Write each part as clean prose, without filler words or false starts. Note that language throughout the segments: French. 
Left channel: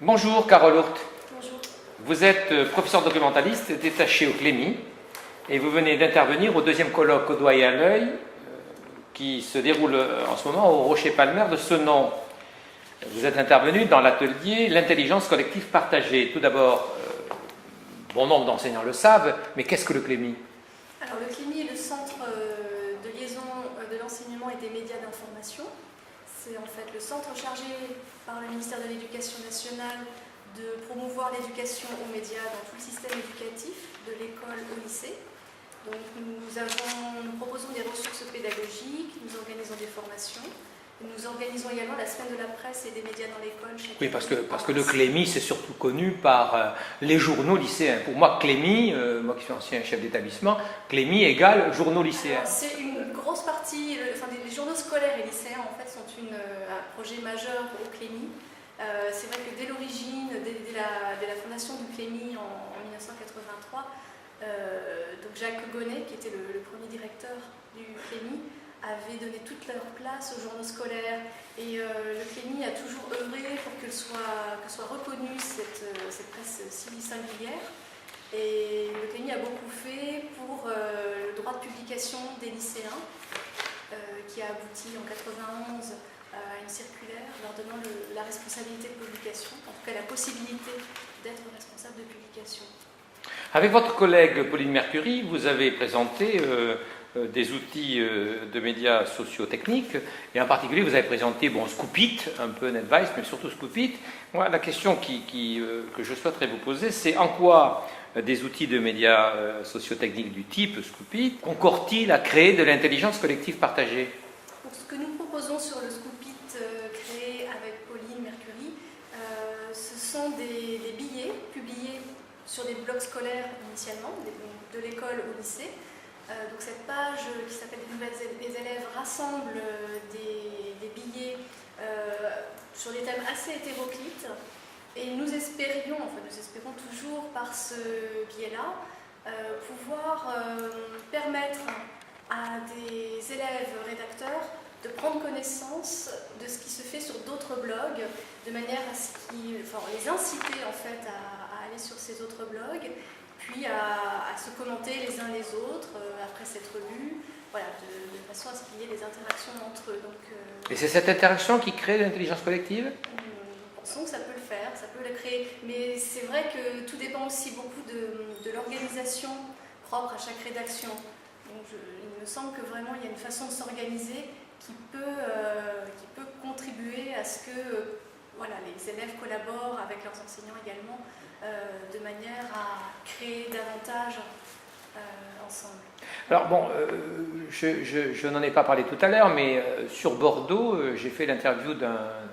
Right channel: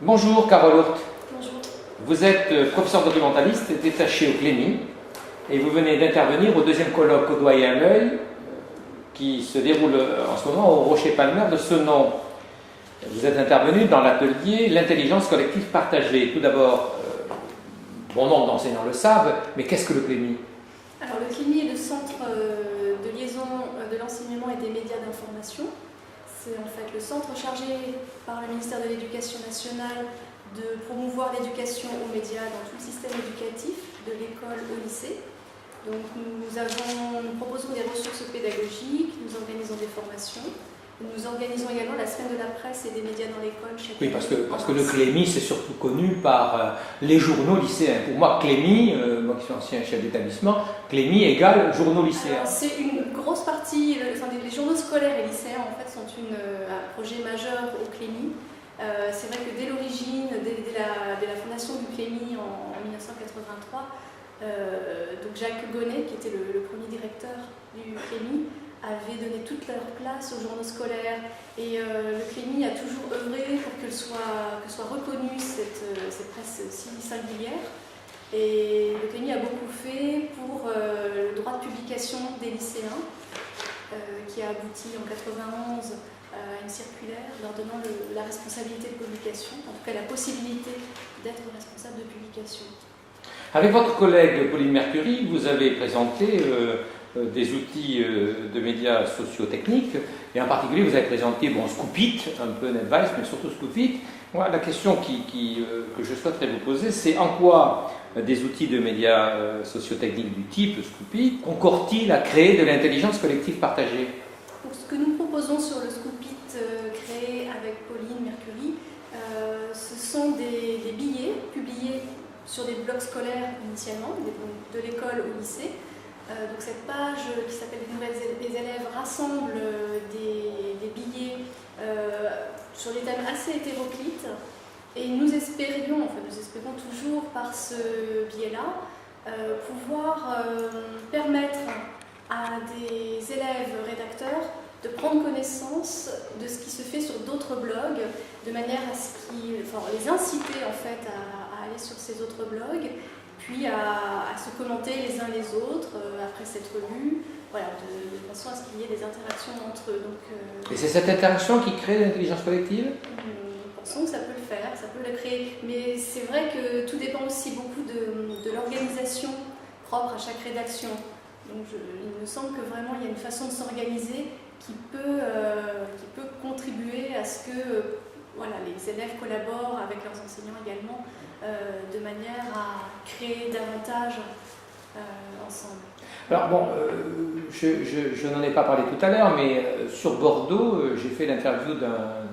Bonjour Carole Hurth. Bonjour. Vous êtes professeur documentaliste détaché au CLEMI et vous venez d'intervenir au deuxième colloque Au doigt et à l'œil qui se déroule en ce moment au Rocher Palmer de Senon. Vous êtes intervenu dans l'atelier L'intelligence collective partagée. Tout d'abord, bon nombre d'enseignants le savent, mais qu'est-ce que le CLEMI? Alors le CLEMI est le centre de liaison de l'enseignement et des médias d'information. C'est en fait le centre chargé par le ministère de l'Éducation nationale de promouvoir l'éducation aux médias dans tout le système éducatif, de l'école au lycée. Donc nous proposons des ressources pédagogiques, nous organisons des formations, nous organisons également la semaine de la presse et des médias dans l'école chaque année. Oui, parce que le CLEMI, c'est surtout connu par les journaux lycéens. Pour moi, CLEMI, moi qui suis ancien chef d'établissement, CLEMI égale journaux lycéens. C'est une grosse partie, les journaux scolaires et lycéens en fait sont un projet majeur au CLEMI. C'est vrai que dès l'origine, dès la fondation du CLEMI en 1983, donc Jacques Gonnet, qui était le premier directeur du CLEMI, avait donné toute leur place aux journaux scolaires et le CLEMI a toujours œuvré pour que soit reconnue cette presse si singulière. Et le CLEMI a beaucoup fait pour le droit de publication des lycéens qui a abouti en 1991 à une circulaire leur donnant la responsabilité de publication, en tout cas la possibilité d'être responsable de publication. Avec votre collègue Pauline Mercury, vous avez présenté des outils de médias socio-techniques, et en particulier vous avez présenté Scoopit, un peu NetVice, mais surtout Scoopit. Moi, la question que je souhaiterais vous poser, c'est en quoi des outils de médias socio-techniques du type Scoopit concourent-ils à créer de l'intelligence collective partagée? Donc, ce que nous proposons sur le Scoopit créé avec Pauline Mercury, ce sont des billets publiés sur des blocs scolaires initialement, de l'école au lycée. Donc cette page qui s'appelle des élèves rassemble des billets sur des thèmes assez hétéroclites et nous espérons toujours par ce biais-là pouvoir permettre à des élèves rédacteurs de prendre connaissance de ce qui se fait sur d'autres blogs, de manière à les inciter en fait à aller sur ces autres blogs, puis à se commenter les uns les autres après s'être lus, voilà, de façon à ce qu'il y ait des interactions entre eux. Et c'est cette interaction qui crée l'intelligence collective? Nous pensons que ça peut le faire, ça peut la créer, mais c'est vrai que tout dépend aussi beaucoup de l'organisation propre à chaque rédaction. Donc il me semble que vraiment il y a une façon de s'organiser qui peut contribuer à ce que les élèves collaborent avec leurs enseignants également, de manière à créer davantage ensemble. Alors je n'en ai pas parlé tout à l'heure, mais sur Bordeaux, j'ai fait l'interview d'un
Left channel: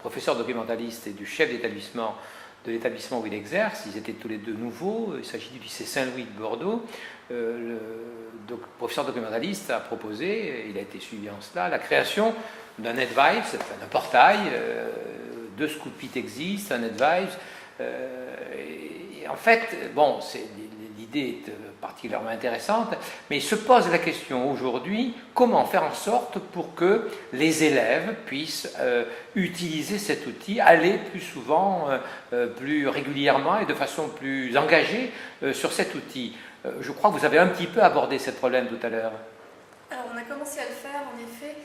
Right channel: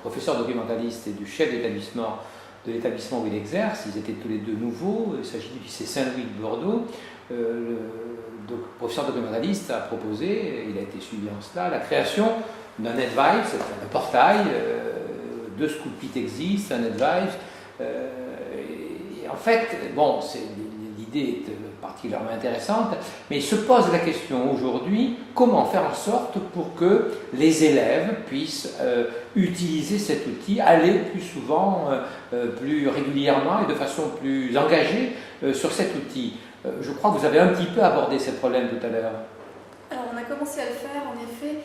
professeur documentaliste et du chef d'établissement de l'établissement où il exerce. Ils étaient tous les deux nouveaux. Il s'agit du lycée Saint-Louis de Bordeaux. Le professeur documentaliste a proposé, il a été suivi en cela, la création d'un NetVice, un portail. Deux Scoopit existent, un NetVice. Et en fait, l'idée est particulièrement intéressante, mais il se pose la question aujourd'hui, comment faire en sorte pour que les élèves puissent utiliser cet outil, aller plus souvent, plus régulièrement et de façon plus engagée sur cet outil. Je crois que vous avez un petit peu abordé ce problème tout à l'heure. Alors on a commencé à le faire, en effet.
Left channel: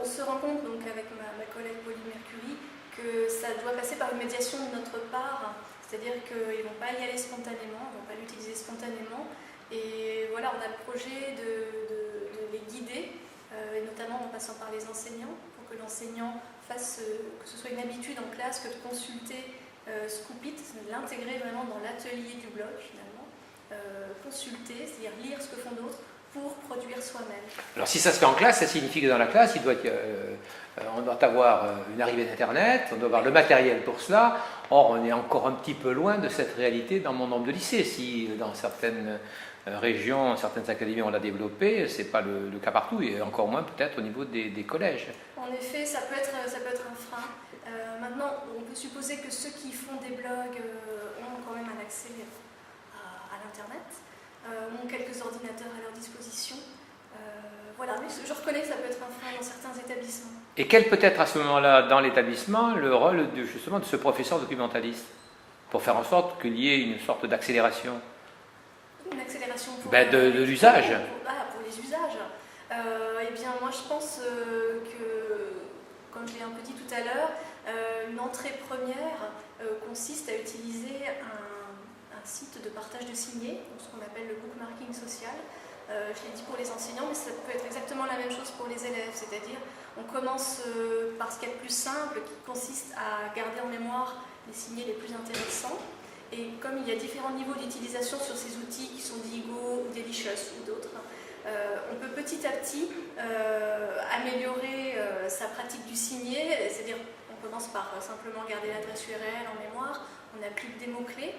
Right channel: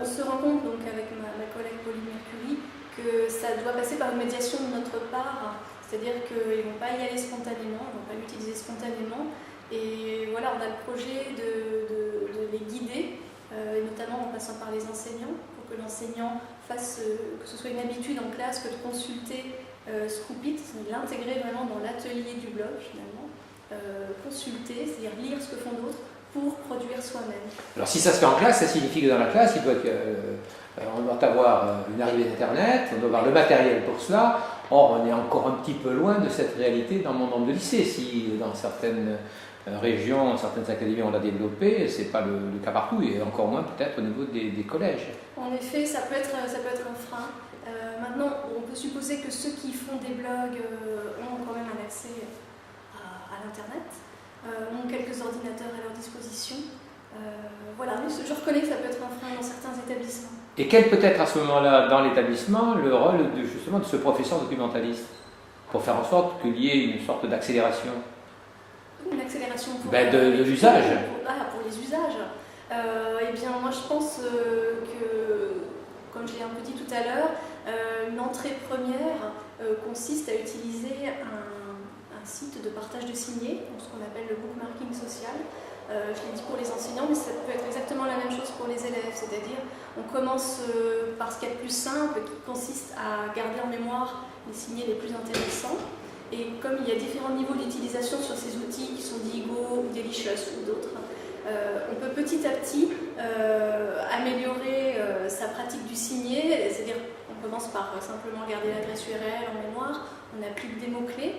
On se rend compte donc avec ma collègue Pauline Mercury que ça doit passer par une médiation de notre part, c'est-à-dire qu'ils ne vont pas y aller spontanément, ils ne vont pas l'utiliser spontanément. Et voilà, on a le projet de les guider, et notamment en passant par les enseignants, pour que l'enseignant fasse, que ce soit une habitude en classe que de consulter Scoopit, de l'intégrer vraiment dans l'atelier du blog finalement, consulter, c'est-à-dire lire ce que font d'autres, pour produire soi-même. Alors si ça se fait en classe, ça signifie que dans la classe, on doit avoir une arrivée d'Internet, on doit avoir le matériel pour cela. Or, on est encore un petit peu loin de cette réalité dans mon nombre de lycées. Si dans certaines régions, certaines académies on l'a développé, ce n'est pas le cas partout, et encore moins peut-être au niveau des collèges. En effet, ça peut être un frein. Maintenant, on peut supposer que ceux qui font des blogs ont quand même un accès à l'Internet. Ont quelques ordinateurs à leur disposition. Mais je reconnais que ça peut être un frein dans certains établissements. Et quel peut être à ce moment-là dans l'établissement le rôle justement de ce professeur documentaliste pour faire en sorte qu'il y ait une sorte d'accélération? Une accélération pour, de l'usage. Pour les usages. Eh bien, moi je pense que, comme je l'ai un peu dit tout à l'heure, une entrée première consiste à utiliser un site de partage de signés, ce qu'on appelle le bookmarking social. Je l'ai dit pour les enseignants, mais ça peut être exactement la même chose pour les élèves, c'est-à-dire on commence par ce qu'il y a de plus simple, qui consiste à garder en mémoire les signés les plus intéressants. Et comme il y a différents niveaux d'utilisation sur ces outils qui sont dits Go ou Delicious ou d'autres, on peut petit à petit améliorer sa pratique du signé, c'est-à-dire on commence par simplement garder l'adresse URL en mémoire, on applique des mots-clés,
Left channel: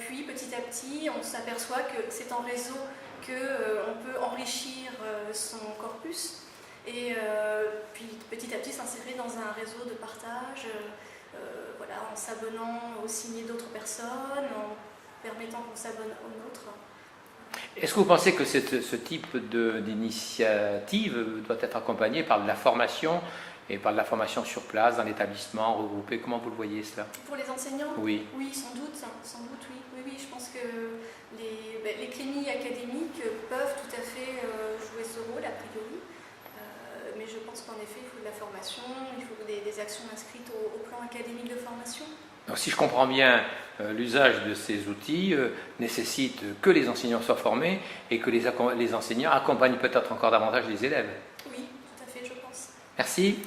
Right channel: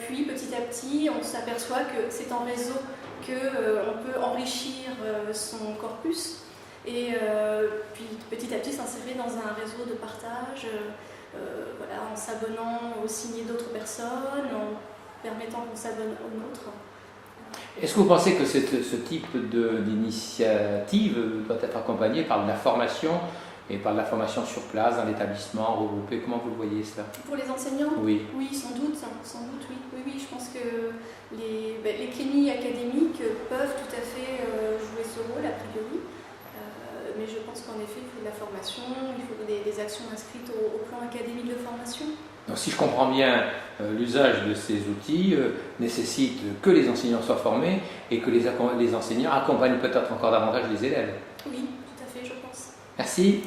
puis petit à petit on s'aperçoit que c'est en réseau qu'on peut enrichir son corpus et puis petit à petit s'insérer dans un réseau de partage. Voilà, en s'abonnant au signet d'autres personnes, en permettant qu'on s'abonne aux nôtres. Est-ce que vous pensez que ce type d'initiative doit être accompagné par de la formation et par de la formation sur place, dans l'établissement, regroupé? Comment vous le voyez cela? Pour les enseignants? Oui. Oui, sans doute, oui. Oui, je pense que les cliniques académiques peuvent tout à fait jouer ce rôle, a priori. Mais je pense qu'en effet, il faut de la formation, il faut des actions inscrites au plan académique de formation. Donc, si je comprends bien, l'usage de ces outils nécessite que les enseignants soient formés et que les enseignants accompagnent peut-être encore davantage les élèves. Oui, tout à fait, je pense. Merci.